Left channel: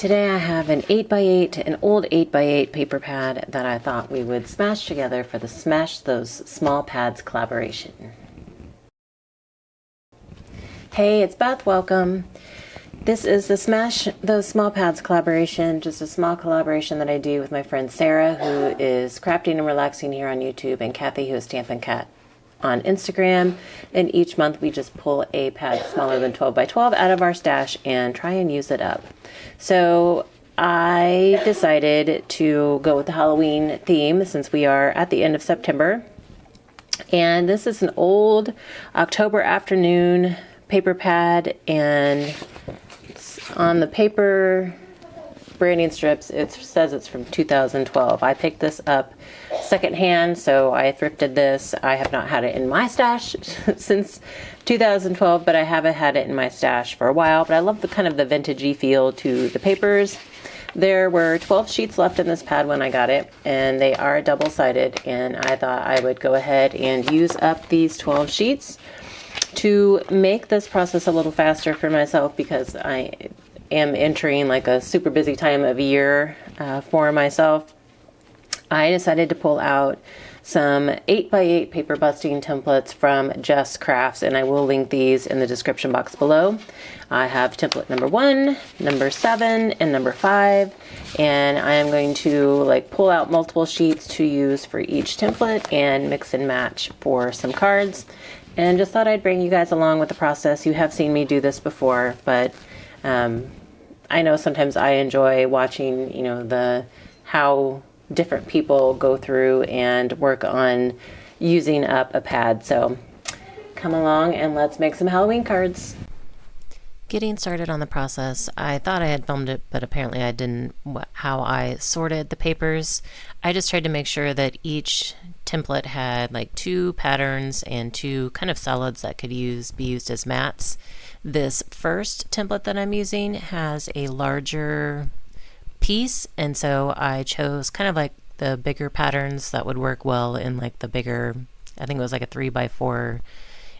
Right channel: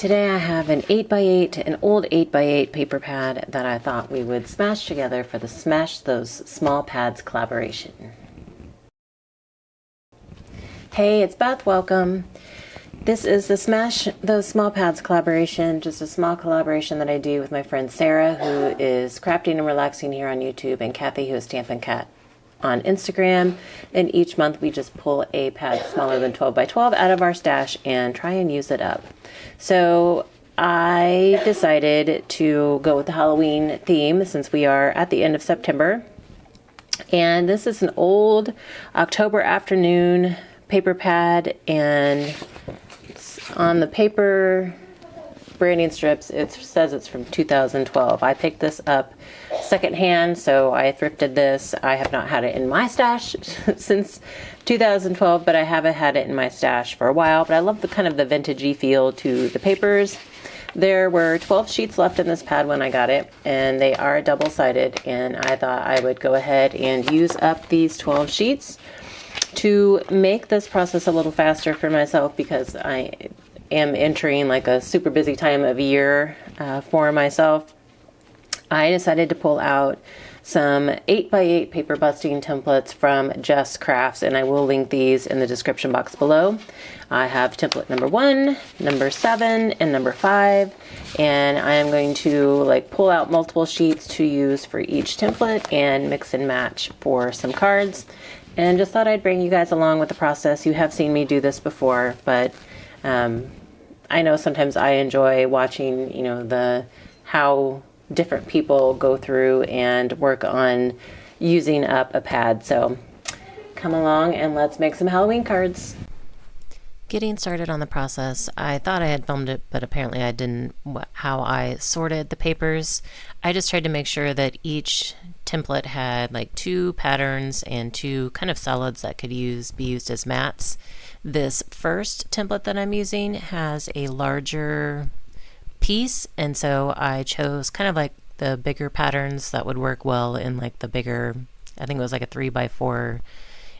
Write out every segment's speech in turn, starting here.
Today I have an 8x8, an old 8x8 paper pad that I thought we would smash together for the Smash Those Small Pads collaboration. Hey, it's Beth, welcome. This is the Smash Those Small Pads collaboration, just a small collaboration that I do with my friend Sarah, who is crafting and relaxing here on YouTube, and Kathy, who is Stampin' Cat on Instagram. And each month we just pull a pad smaller than 12 by 12 out of our stash and try and use it up. So I decided to go with the Halloween theme since we are at the end of September. And this is an old October afternoon paper pad, and it's on the paper branding strips it says it's from 2012. I picked this up secondhand, so I thrifted this. I have not had it in my stash since 2012, but I haven't had it in my stash for a while. But I love the kind of the vintagey feel to the papers. There were 12 sheets left in this pad when I got it, and they are double-sided, and I thought I would go ahead and use up these 12 sheets to make this process a little faster for myself, because I am entering like a super busy time of year for myself. I decided to pull out some 8x8 paper busting templates from Just Crafts, and I will link these in the description box below. I have template number 1, number 7, and number 5, and I am going to pull out multiple sheets to use for each template and mix and match for some cards. And just thought I'd bring you guys along with the process. You have seen me do this before, but I know sometimes I enjoy watching, how different people go through and work on using up a pad. So come along and let's make some Halloween cards. Getting started on the process, I thought I had filmed it, but apparently I didn't. How I sorted the papers, I just tried to make sure that each template had 2 patterns and 2 kind of solids that could be used as mats. This first template that I'm using has a larger piece, and so I chose kind of the bigger patterns that would work well in the bigger, I think it was a 3x4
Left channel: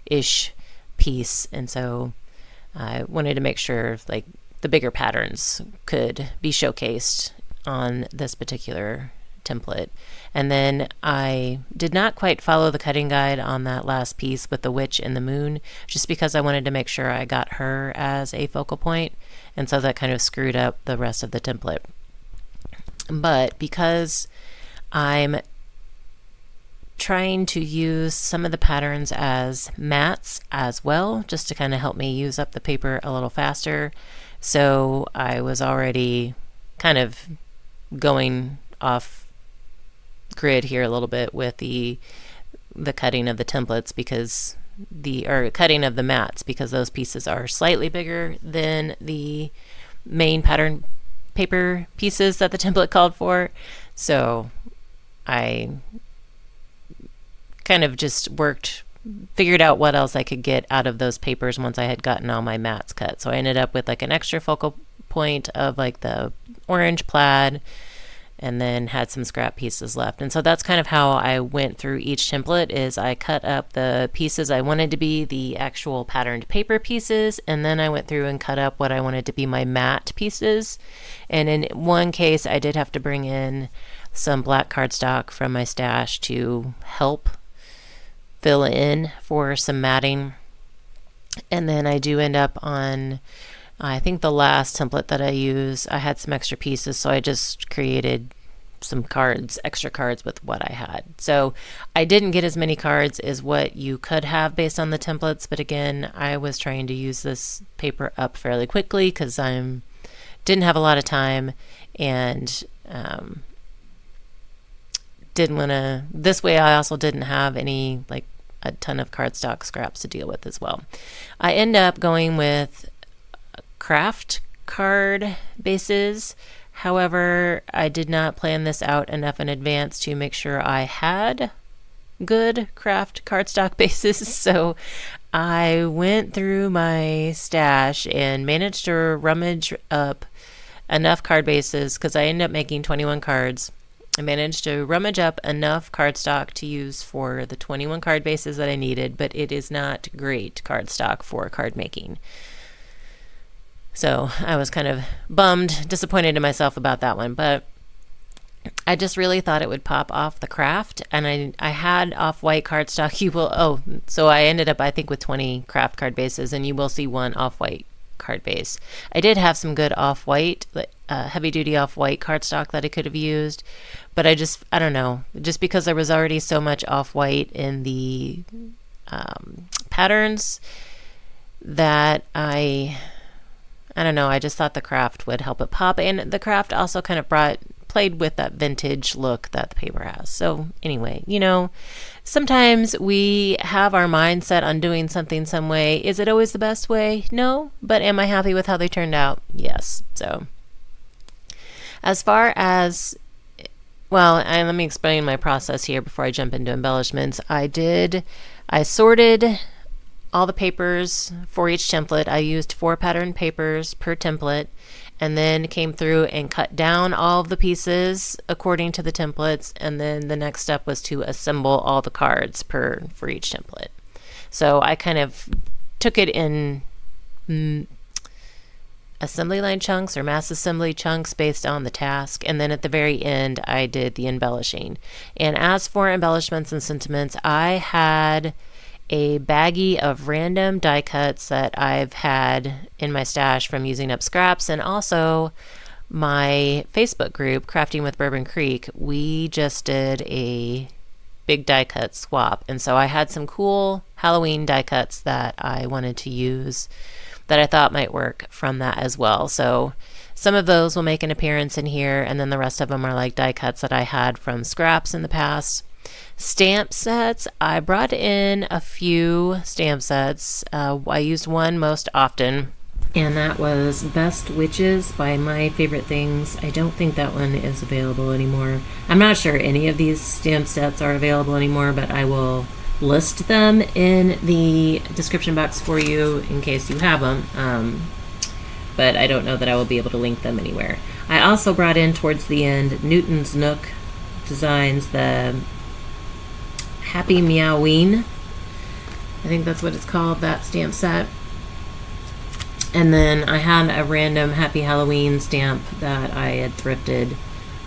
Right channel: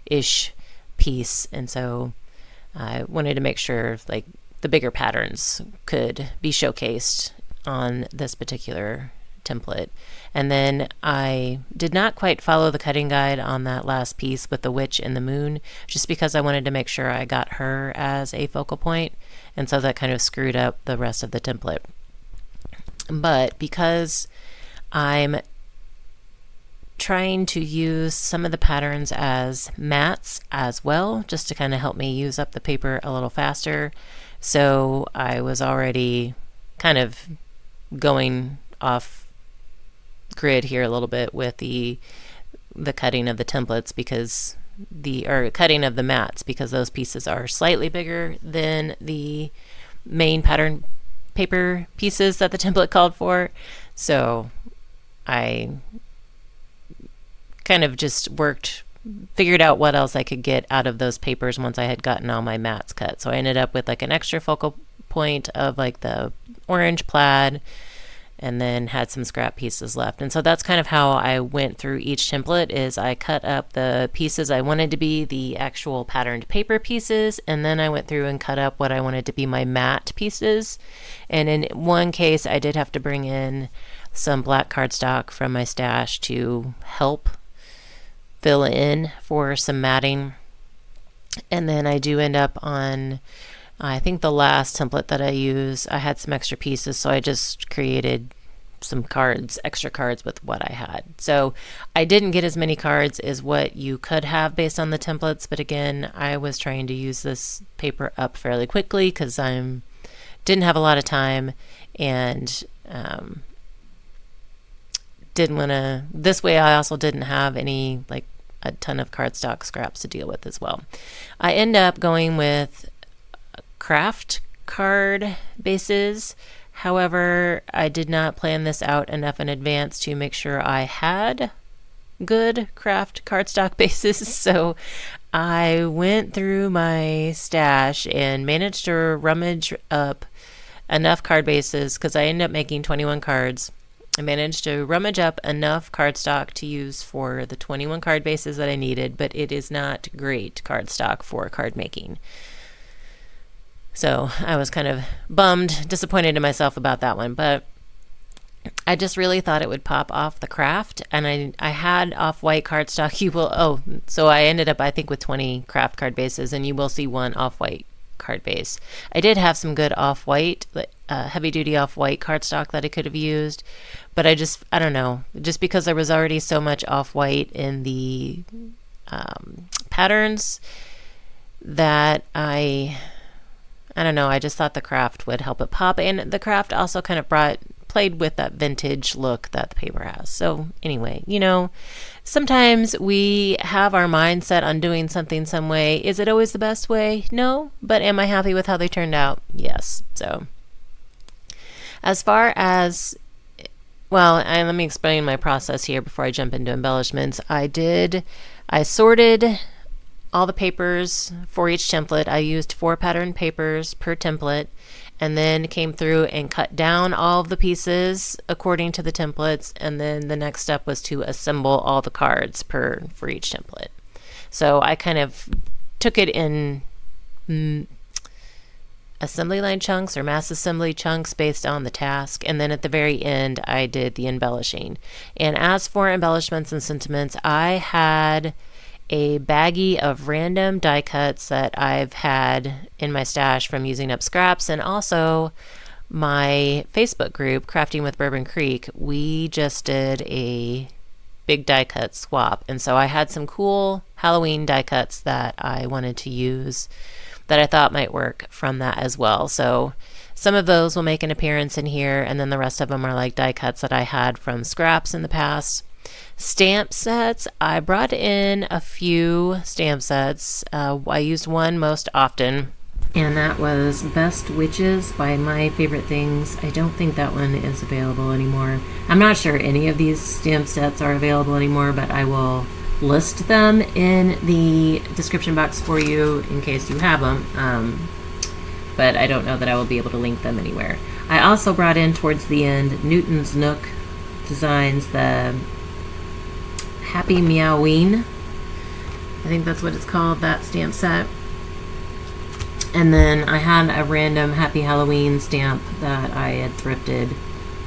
ish piece, and so I wanted to make sure the bigger patterns could be showcased on this particular template. And then I did not quite follow the cutting guide on that last piece with the witch and the moon, just because I wanted to make sure I got her as a focal point, and so that kind of screwed up the rest of the template. But because I'm trying to use some of the patterns as mats as well, just to kind of help me use up the paper a little faster, so I was already kind of going off grid here a little bit with the cutting of the templates, because cutting of the mats, because those pieces are slightly bigger than the main pattern paper pieces that the template called for. So I kind of just figured out what else I could get out of those papers once I had gotten all my mats cut. So I ended up with an extra focal point of the orange plaid, and then had some scrap pieces left. And so that's kind of how I went through each template, is I cut up the pieces I wanted to be the actual patterned paper pieces, and then I went through and cut up what I wanted to be my matte pieces. And in one case I did have to bring in some black cardstock from my stash to help fill in for some matting. And then I do end up on, I think the last template that I use, I had some extra pieces, so I just created some extra cards with what I had. So I didn't get as many cards as what you could have based on the templates, but again, I was trying to use this paper up fairly quickly because I didn't have a lot of time, and didn't want to, this way I also didn't have any a ton of cardstock scraps to deal with as well. I end up going with craft card bases. However, I did not plan this out enough in advance to make sure I had good craft cardstock bases, so I went through my stash and managed to rummage up enough card bases, because I ended up making 21 cards. I managed to rummage up enough cardstock to use for the 21 card bases that I needed, but it is not great cardstock for card making. So I was kind of bummed, disappointed in myself about that one. But I just really thought it would pop off the craft, and I had off-white cardstock. So I ended up, I think, with 20 craft card bases, and you will see one off-white card base. I did have some good off-white, heavy-duty off-white cardstock that I could have used, but I don't know, just because there was already so much off-white in the patterns that I don't know, I just thought the craft would help it pop, and the craft also kind of played with that vintage look that the paper has. So anyway, sometimes we have our mindset on doing something some way. Is it always the best way? No. But am I happy with how they turned out? Yes. So as far as, let me explain my process here before I jump into embellishments. I sorted all the papers for each template. I used 4 pattern papers per template, and then came through and cut down all of the pieces according to the templates, and then the next step was to assemble all the cards for each template. So I kind of took it in assembly line chunks or mass assembly chunks based on the task, and then at the very end I did the embellishing. And as for embellishments and sentiments, I had a baggie of random die cuts that I've had in my stash from using up scraps, and also my Facebook group, Crafting with Bourbon Creek. We just did a big die cut swap, and so I had some cool Halloween die cuts that I wanted to use that I thought might work from that as well. So some of those will make an appearance in here, and then the rest of them are like die cuts that I had from scraps in the past. Stamp sets, I brought in a few stamp sets. I used one most often, and that was Best Witches by My Favorite Things. I don't think that one is available anymore. I'm not sure any of these stamp sets are available anymore, but I will list them in the description box for you in case you have them. But I don't know that I will be able to link them anywhere. I also brought in towards the end Newton's Nook Designs, the Happy Meowoween. I think that's what it's called, that stamp set. And then I had a random Happy Halloween stamp that I had thrifted,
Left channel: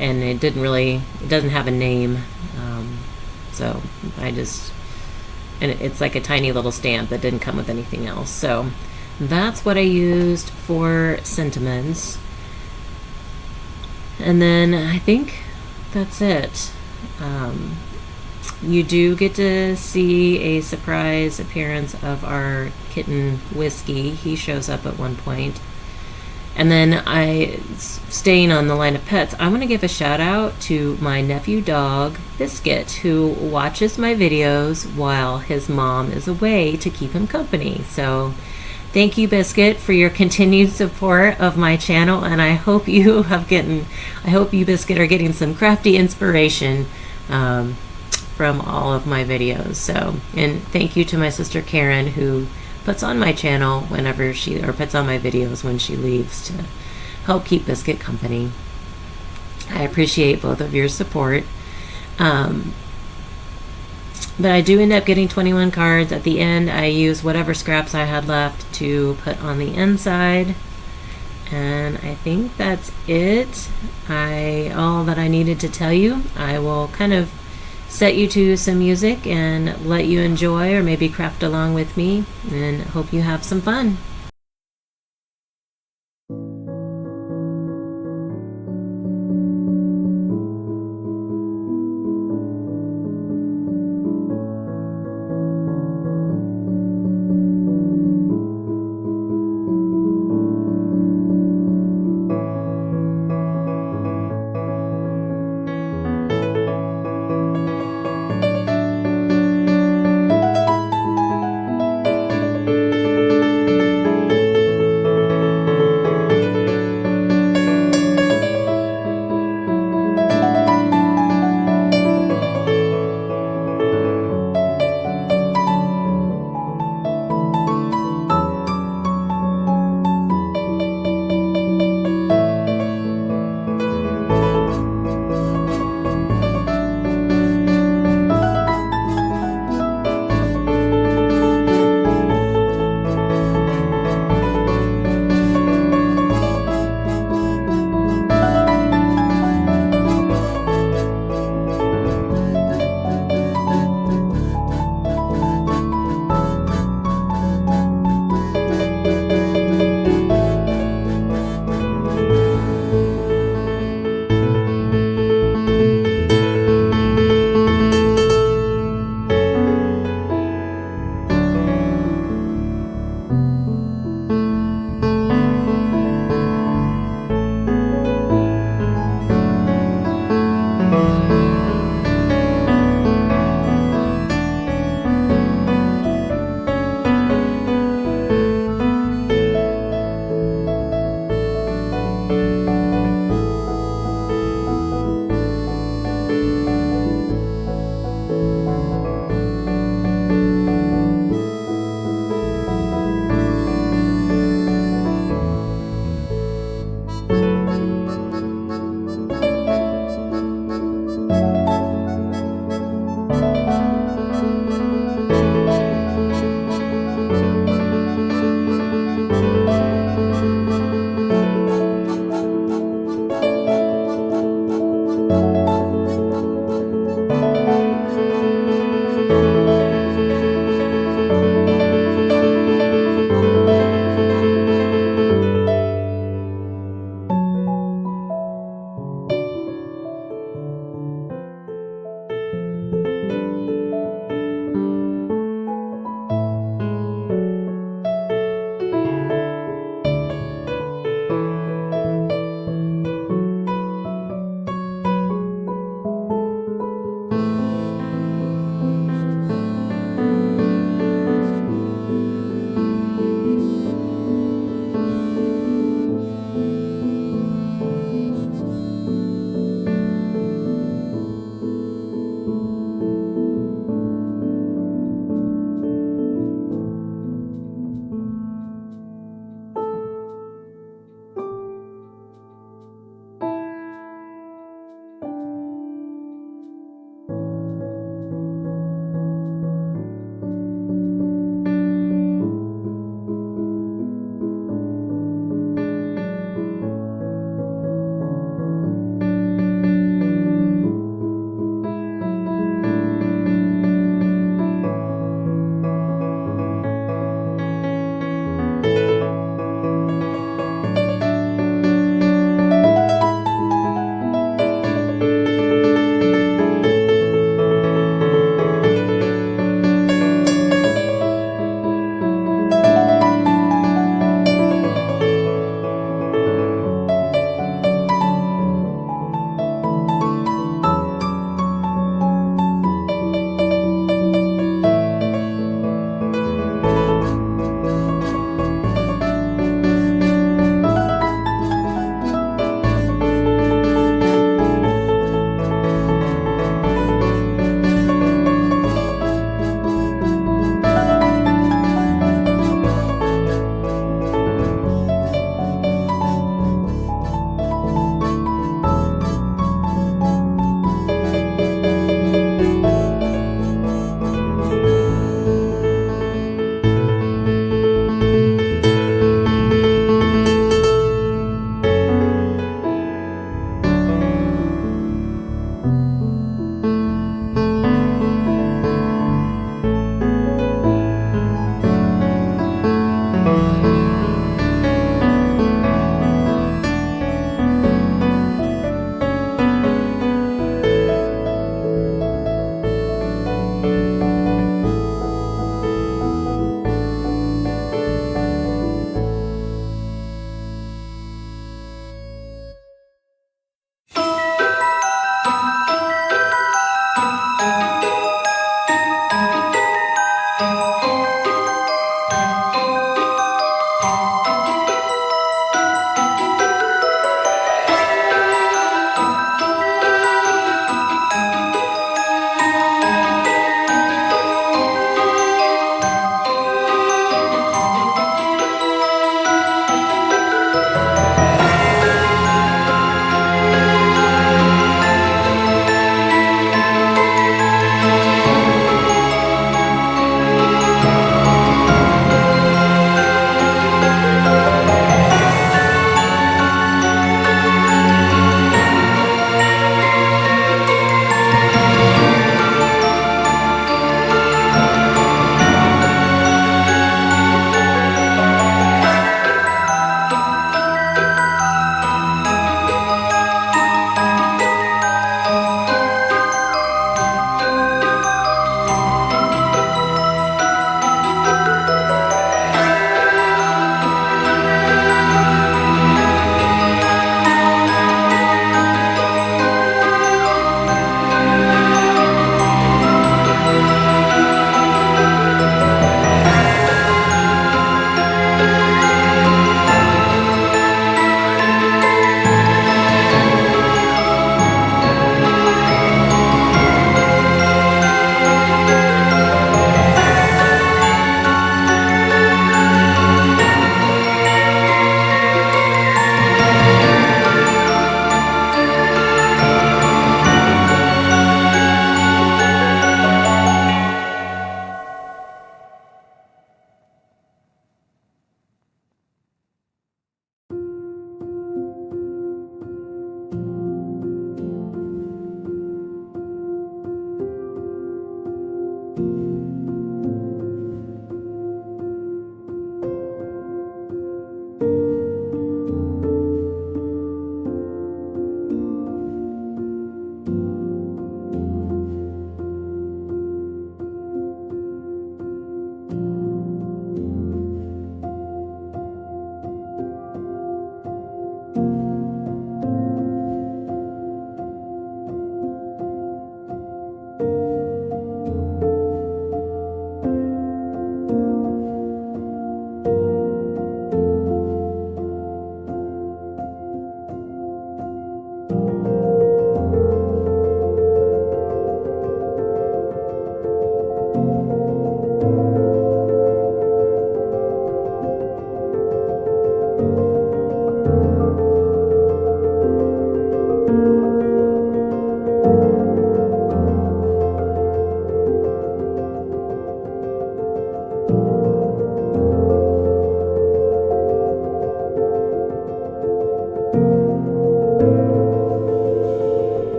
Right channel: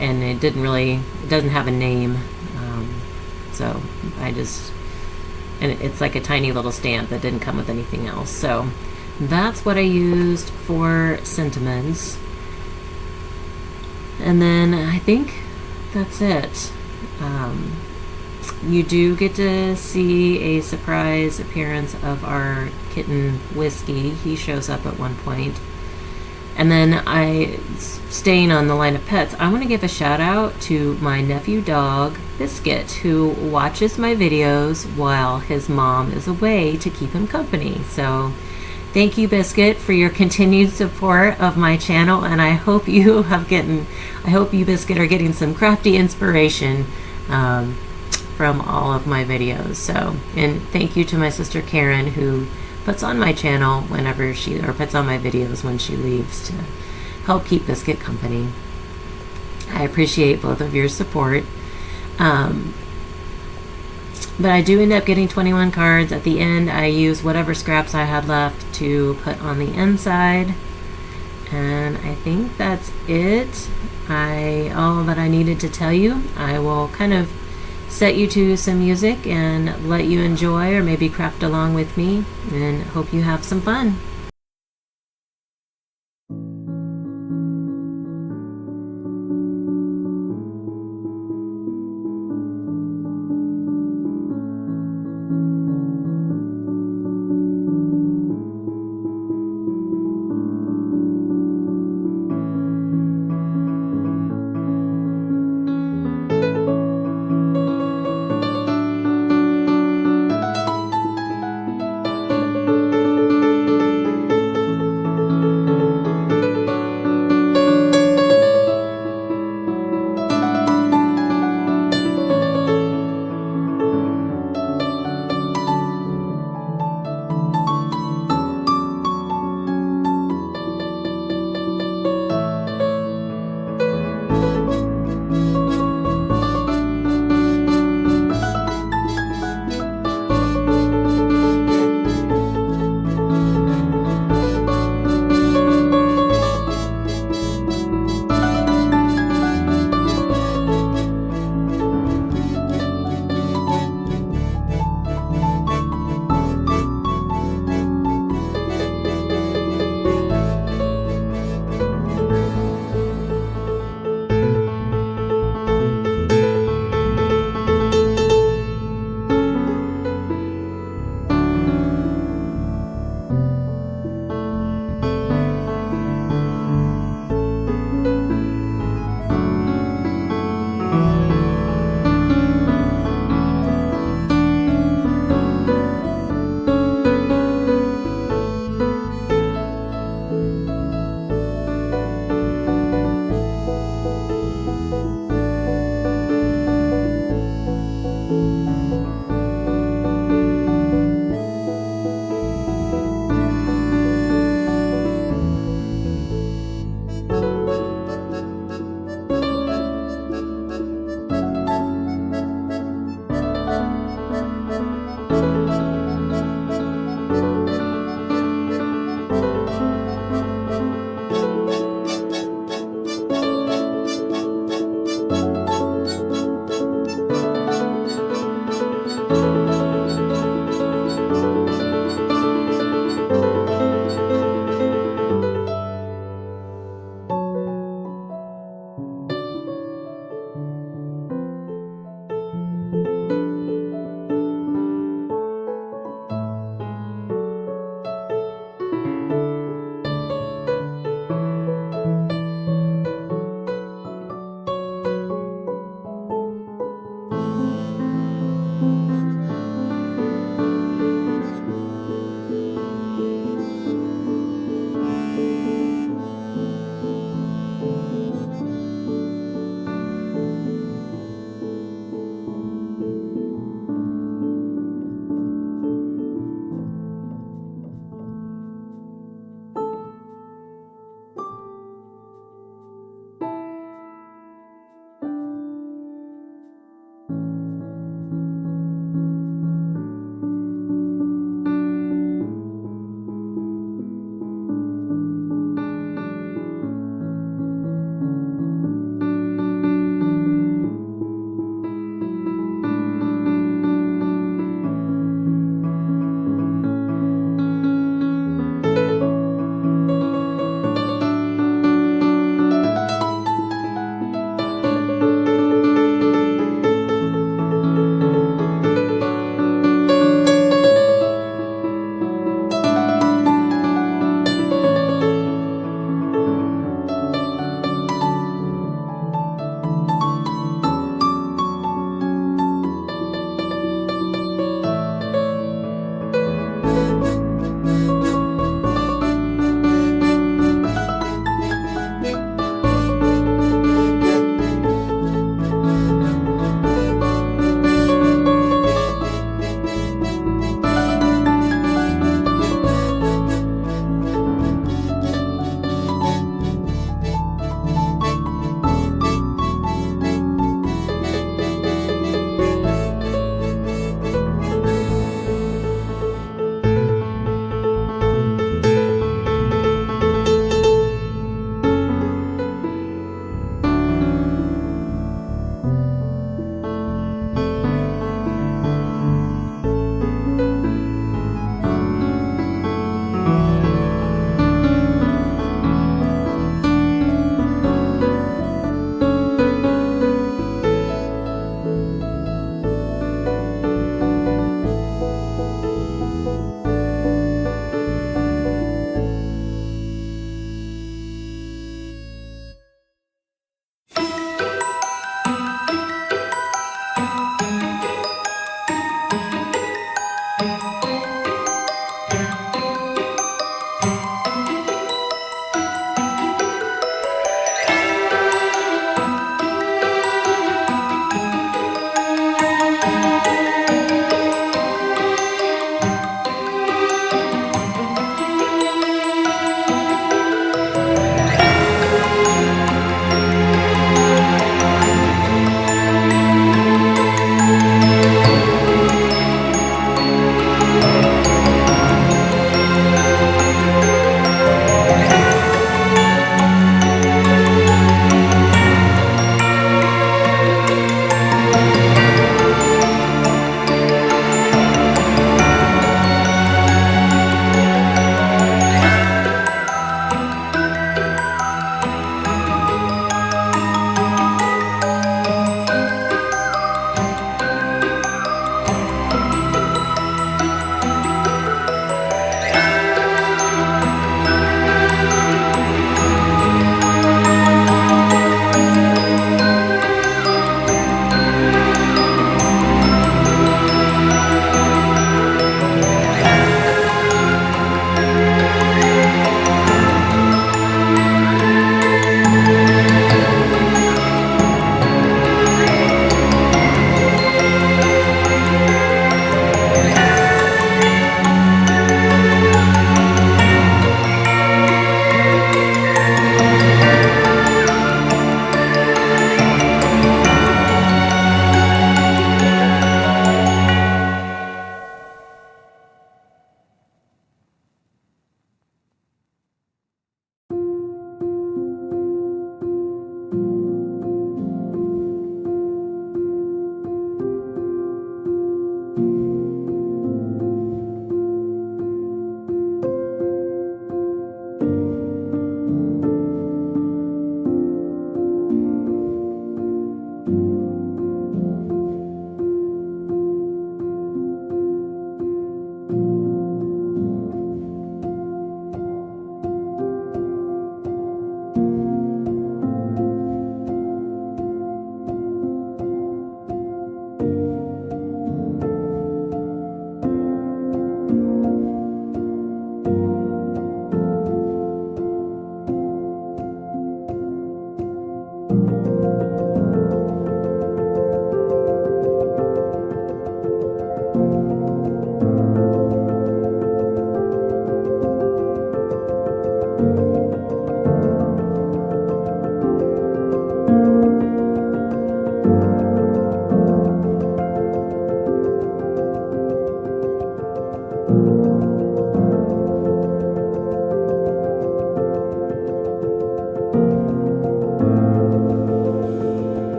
and it doesn't have a name. So and it's like a tiny little stamp that didn't come with anything else. So that's what I used for sentiments. And then I think that's it. You do get to see a surprise appearance of our kitten Whiskey. He shows up at one point. And then staying on the line of pets, I want to give a shout out to my nephew dog, Biscuit, who watches my videos while his mom is away to keep him company. So thank you, Biscuit, for your continued support of my channel, and I hope you, Biscuit, are getting some crafty inspiration from all of my videos. So, and thank you to my sister Karen, who puts on my channel puts on my videos when she leaves to help keep Biscuit company. I appreciate both of your support. But I do end up getting 21 cards. At the end, I use whatever scraps I had left to put on the inside. And I think that's it. All that I needed to tell you. I will kind of set you to some music and let you enjoy, or maybe craft along with me, and hope you have some fun.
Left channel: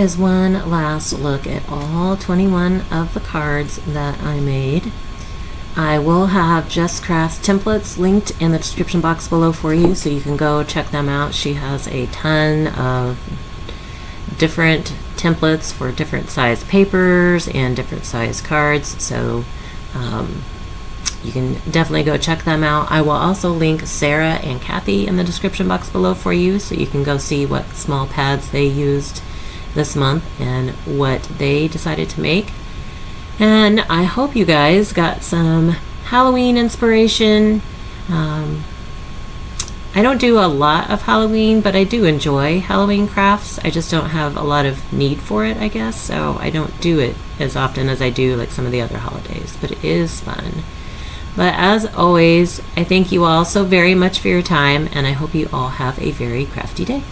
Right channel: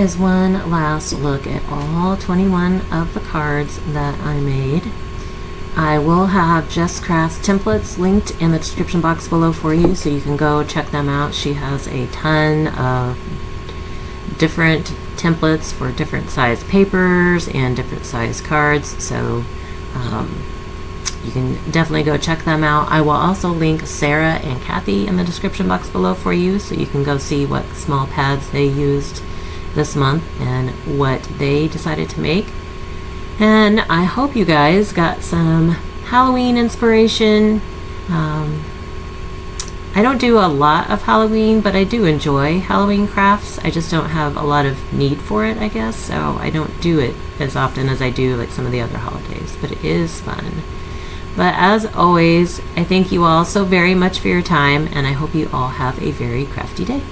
is one last look at all 21 of the cards that I made. I will have Jess Craft's templates linked in the description box below for you, so you can go check them out. She has a ton of different templates for different size papers and different size cards, so you can definitely go check them out. I will also link Sarah and Kathy in the description box below for you, so you can go see what small pads they used this month and what they decided to make. And I hope you guys got some Halloween inspiration. I don't do a lot of Halloween, but I do enjoy Halloween crafts. I just don't have a lot of need for it, I guess, so I don't do it as often as I do like some of the other holidays, but it is fun. But as always, I thank you all so very much for your time, and I hope you all have a very crafty day.